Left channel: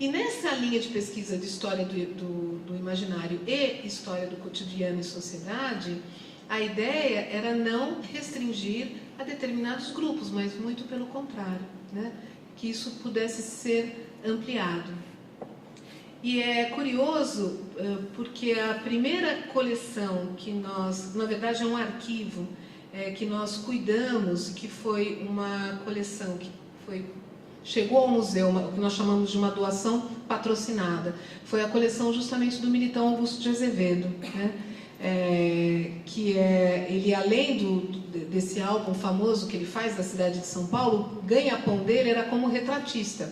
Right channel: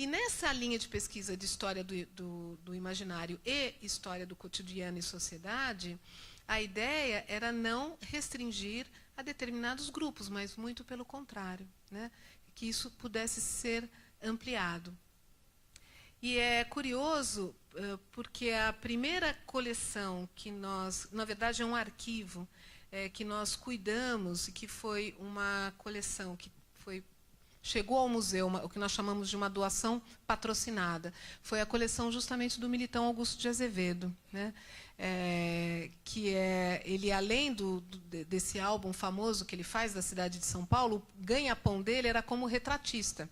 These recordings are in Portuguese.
E nessa linha de pesquisa de história do imaginário e história do cotidiano e sociedade, a ideia era não restringir a determinados grupos, mas muito pelo contrário, né? Que isso pudesse ser ampliado. E é curioso porque a primeira coleção que nós, na verdade é um arquivo que nós cuidamos, que foi uma coleção que chegou ao museu, o que nós chamamos de uma doação patrocinada, foi a coleção justamente do Militão Augusto de Azevedo, né? Ele além desse álbum famoso que ele faz da cidade de São Paulo, o ganha-pão dele era como retratista.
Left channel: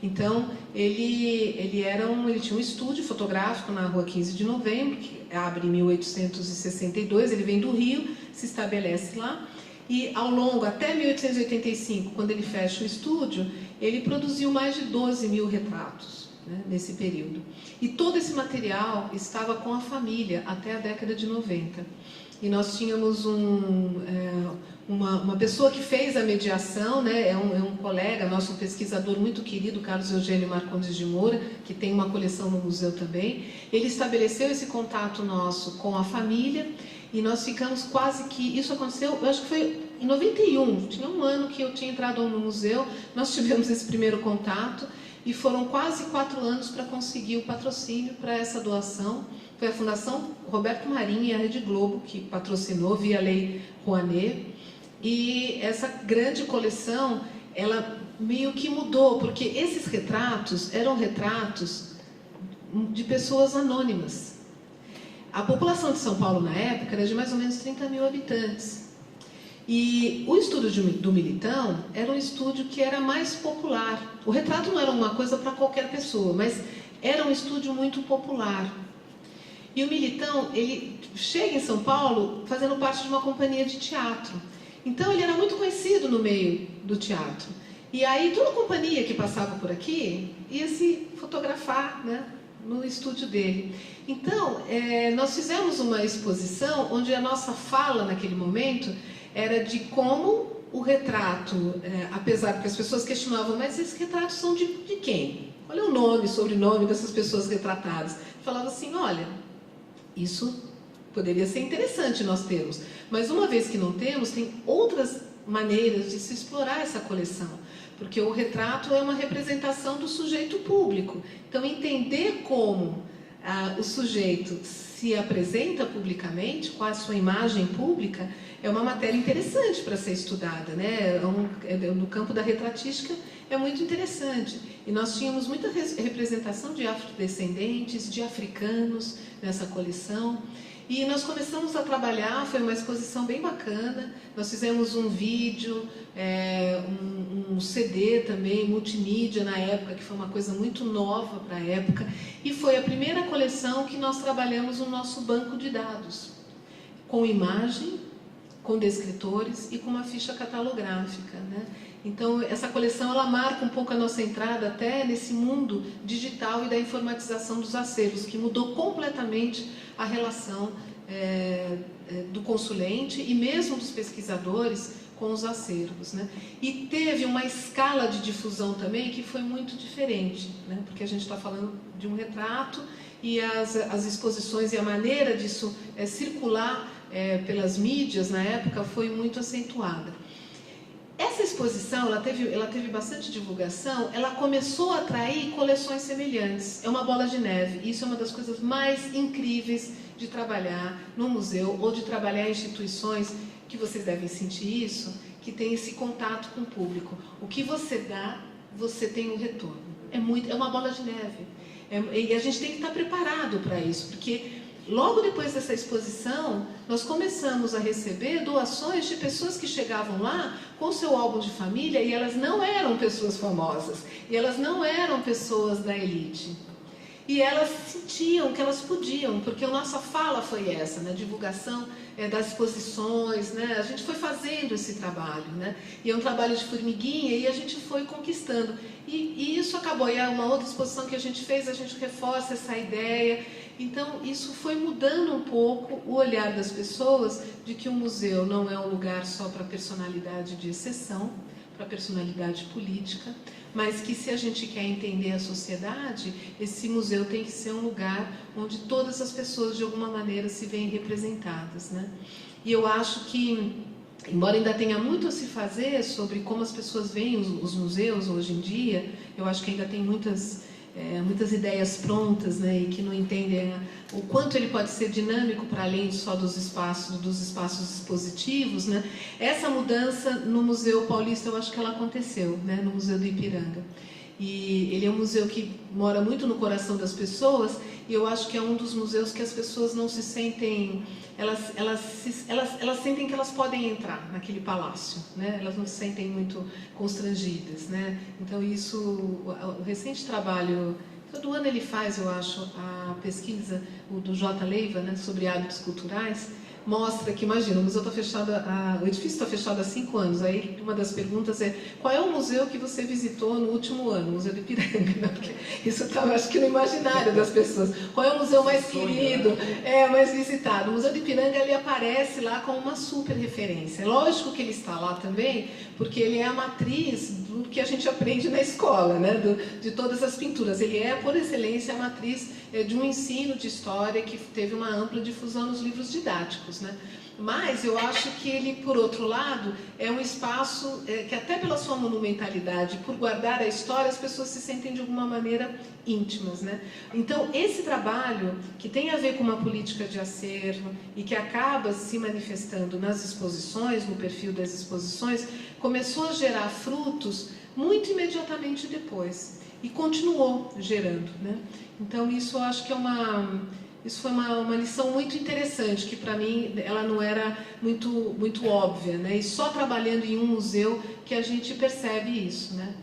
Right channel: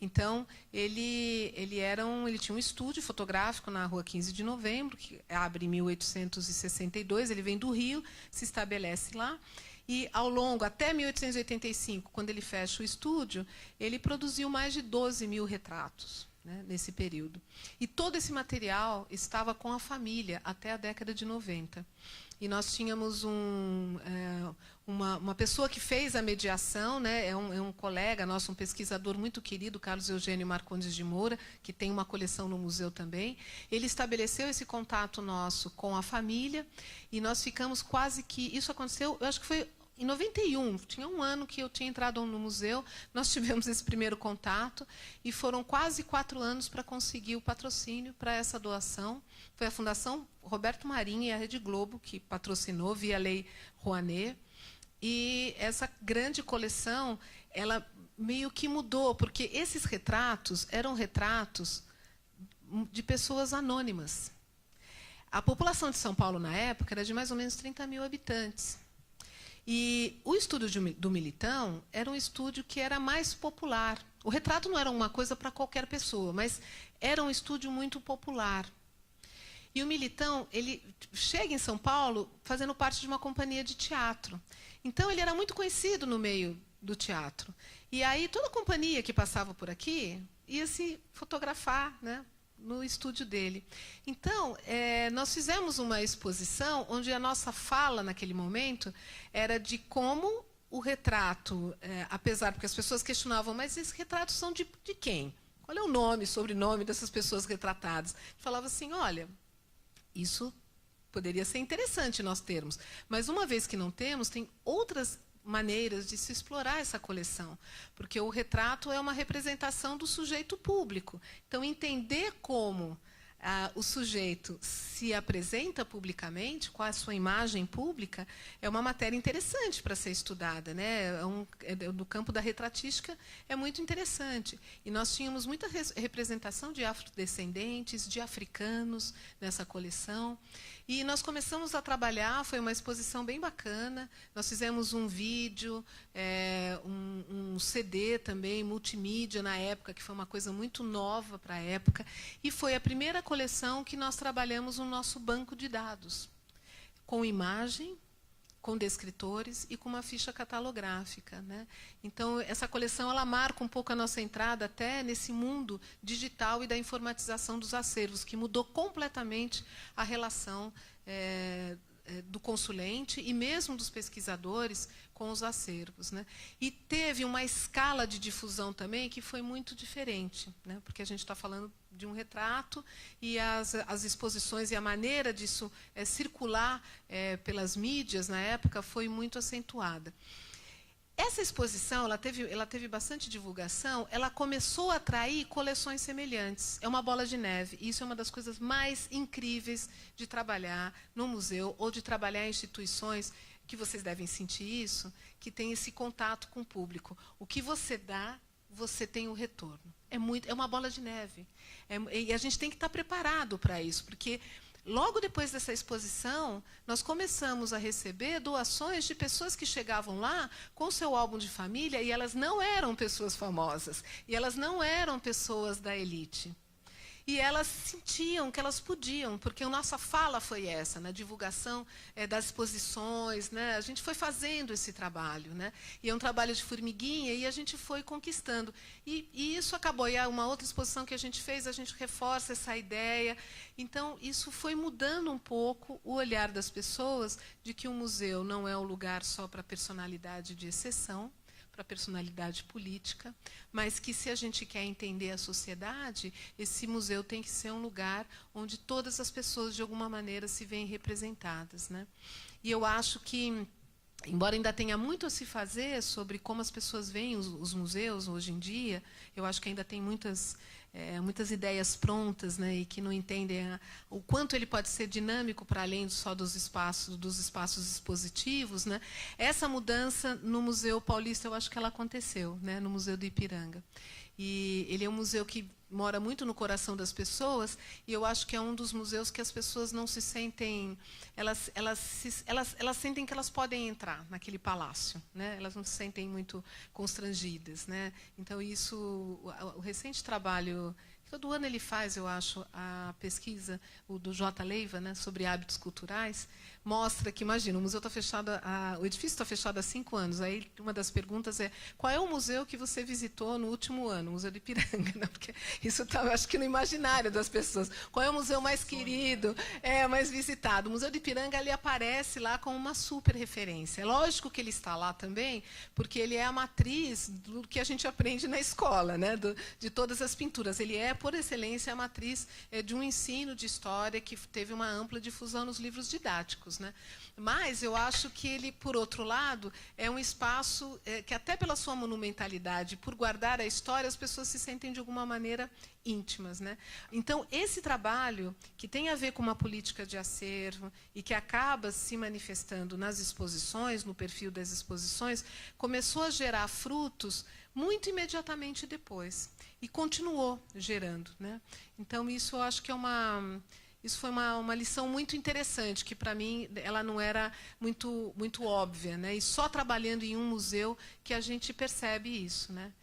Então, ele tinha um estúdio fotográfico na Rua 15 de Novembro, que abre em 1862, ele vem do Rio, se estabelece lá, e ao longo, até 1885, quando ele fecha o estúdio, ele produziu mais de 12 mil retratos, né, nesse período. E todo esse material estava com a família até a década de 90. E nós tínhamos uma pessoa que fez a mediação, né, é um colega nosso, um pesquisador muito querido, Carlos Eugênio Marcondes de Moura, que tem uma coleção no museu também. Ele estabeleceu esse contato nosso com a família e nós ficamos quase que... Isso aconteceu, eu acho que foi em 91, tinha um ano que eu tinha entrado no museu, nós tivemos esse primeiro contato e foram quase 4 anos para conseguir o patrocínio para essa doação. Foi a Fundação Roberto Marinho e a Rede Globo que patrocinou via Lei Rouanet. E essa grande coleção, ela meio que mudou, porque esses retratos eram retratos de pessoas anônimas. A população de São Paulo, na época, era de mais ou menos 30 mil habitantes. E o estúdio do Militão era um estúdio que era mais popular. O retrato não era uma coisa para qualquer pessoa, mas era um estúdio muito popular. E o Militão, ele chega em São Paulo fazendo parte de uma companhia de teatro. Então, ele era muito conhecido no meio do teatro. E aí, toda companhia que passava por aqui ia se fotografar, né, no estúdio dele. Então, nós fizemos uma exposição onde a nossa fala, naquele momento, era de como o retrato, apesar que as pessoas questionavam, mas esses retratos são de quem? Qual é o nome, sobrenome dessas pessoas retratadas? Falava assim, olha, isso poderia ser interessante nós termos, mas uma vez que não temos, tem outras maneiras de se explorar essa coleção, porque o retrato é uma representação do sujeito público. Então, entender como o sujeito se apresenta publicamente, qual a sua imagem pública, é uma matéria interessante para ser estudada, né? No campo da retratística é muito interessante. E nós tínhamos muita representação de afrodescendentes, de africanos nessa coleção. E nós começamos a trabalhar, foi uma exposição bem bacana, nós fizemos um vídeo, um CD também, multimídia na época, que foi uma coisa muito nova para a época, e foi a primeira coleção que nós trabalhamos no nosso banco de dados, com imagem, com descritores e com uma ficha catalográfica, né? Então, essa coleção ela marca um pouco a nossa entrada até nesse mundo digital e da informatização dos acervos, que mudou completamente a relação do consulente e mesmo dos pesquisadores com os acervos, né? E teve uma escala de difusão também que foi muito diferente, né? Porque a gente está falando de um retrato e as exposições e a maneira disso circular pelas mídias na época foi muito acentuada. Essa exposição, ela teve bastante divulgação, ela começou a atrair coleções semelhantes. É uma bola de neve. Isso é uma das coisas mais incríveis de trabalhar no museu ou de trabalhar em instituições que vocês devem sentir isso, que tem esse contato com o público. O que você dá, você tem um retorno. É uma bola de neve. E a gente tem que estar preparado para isso, porque logo depois dessa exposição, nós começamos a receber doações de pessoas que chegavam lá com seu álbum de família e elas não eram pessoas famosas, e elas não eram pessoas da elite. E elas sentiam que elas podiam, porque a nossa fala foi essa, na divulgação das exposições, né? A gente foi fazendo esse trabalho, né? E é um trabalho de formiguinha e a gente foi conquistando. E isso acabou, e é uma outra exposição que a gente fez, a gente reforça essa ideia. Então, isso foi mudando um pouco o olhar das pessoas de que o museu não é um lugar só para personalidade de exceção, para personalidade política. mas que se a gente quer entender a sociedade, esse museu tem que ser um lugar onde todas as pessoas de alguma maneira se veem representadas, né? E eu acho que, embora ainda tenha muito a se fazer sobre como as pessoas veem os museus hoje em dia, eu acho que ainda tem muitas ideias prontas, né, e que não entendem o quanto ele pode ser dinâmico para além só dos espaços expositivos, né? Essa mudança no Museu Paulista, eu acho que ela aconteceu, né, no Museu do Ipiranga. E ele é um museu que mora muito no coração das pessoas, e eu acho que é um dos museus que as pessoas não se sentem, elas sentem que elas podem entrar naquele palácio, né? Elas não se sentem muito constrangidas, né? Então isso, o recente trabalho, todo ano ele faz, eu acho, a pesquisa, o do J. Leiva, né, sobre hábitos culturais, mostra que, imagina, o museu está fechado, o edifício está fechado há 5 anos. Aí uma das perguntas é: qual é o museu que você visitou no último ano? O Museu do Ipiranga, né? Porque isso está, acho que, no imaginário das pessoas. Qual é o museu mais querido, mais visitado? O Museu do Ipiranga, ele aparece lá como uma super referência. É lógico que ele está lá também, porque ele é a matriz do que a gente aprende na escola, né? De todas as pinturas. Ele é, por excelência, a matriz de um ensino de história que teve uma ampla difusão nos livros didáticos, né? Mas eu acho que ele, por outro lado, é um espaço que, até pela sua monumentalidade, por guardar a história, as pessoas se sentem de alguma maneira íntimas, né? Então, esse trabalho, que tem a ver com uma política de acervo e que acaba se manifestando nas exposições, no perfil das exposições, começou a gerar frutos muito imediatamente depois e continuou gerando, né? Então, isso eu acho que isso foi uma lição muito interessante, que para mim ela não era muito óbvia, né? E só trabalhando em um museu que a gente percebe isso, né?